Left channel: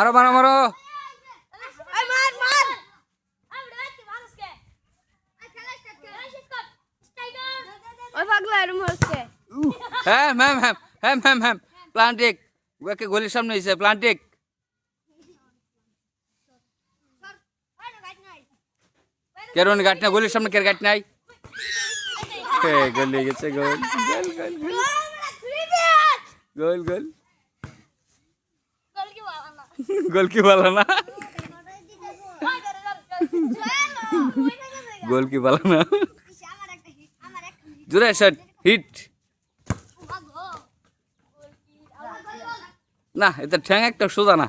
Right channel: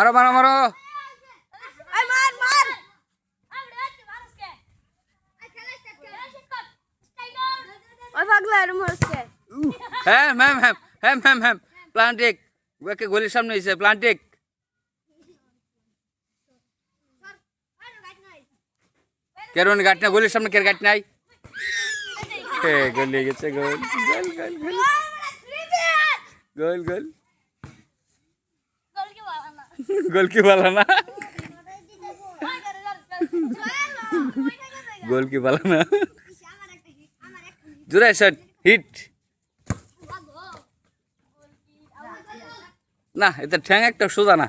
মারো মারো মারো হ্যাঁ ম্যাম হ্যাঁ হ্যাঁ ম্যাম হ্যাঁ প্লান্টিক ওকে গলির সামনে এসে প্লান্টিক কেরন গাট না গলির সামনে কের গাট নাই গোল লেগে গেছে গোল গোল গোল গোল গোল গোল কি বলা না গোল কি বলা না জোরে শট হিট না এটা ঠ্যাং একটা সোজা না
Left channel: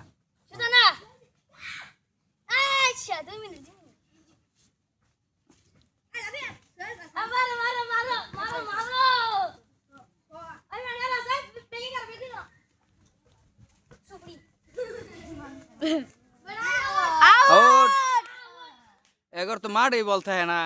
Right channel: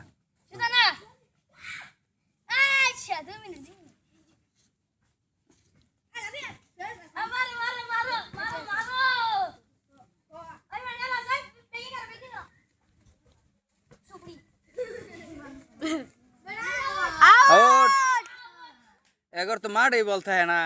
एगर तो मार ही बोलता है ना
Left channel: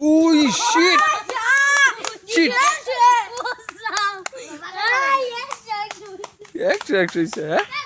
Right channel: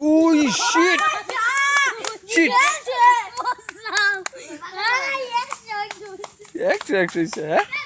Oh shit! Shit! Extra, extra,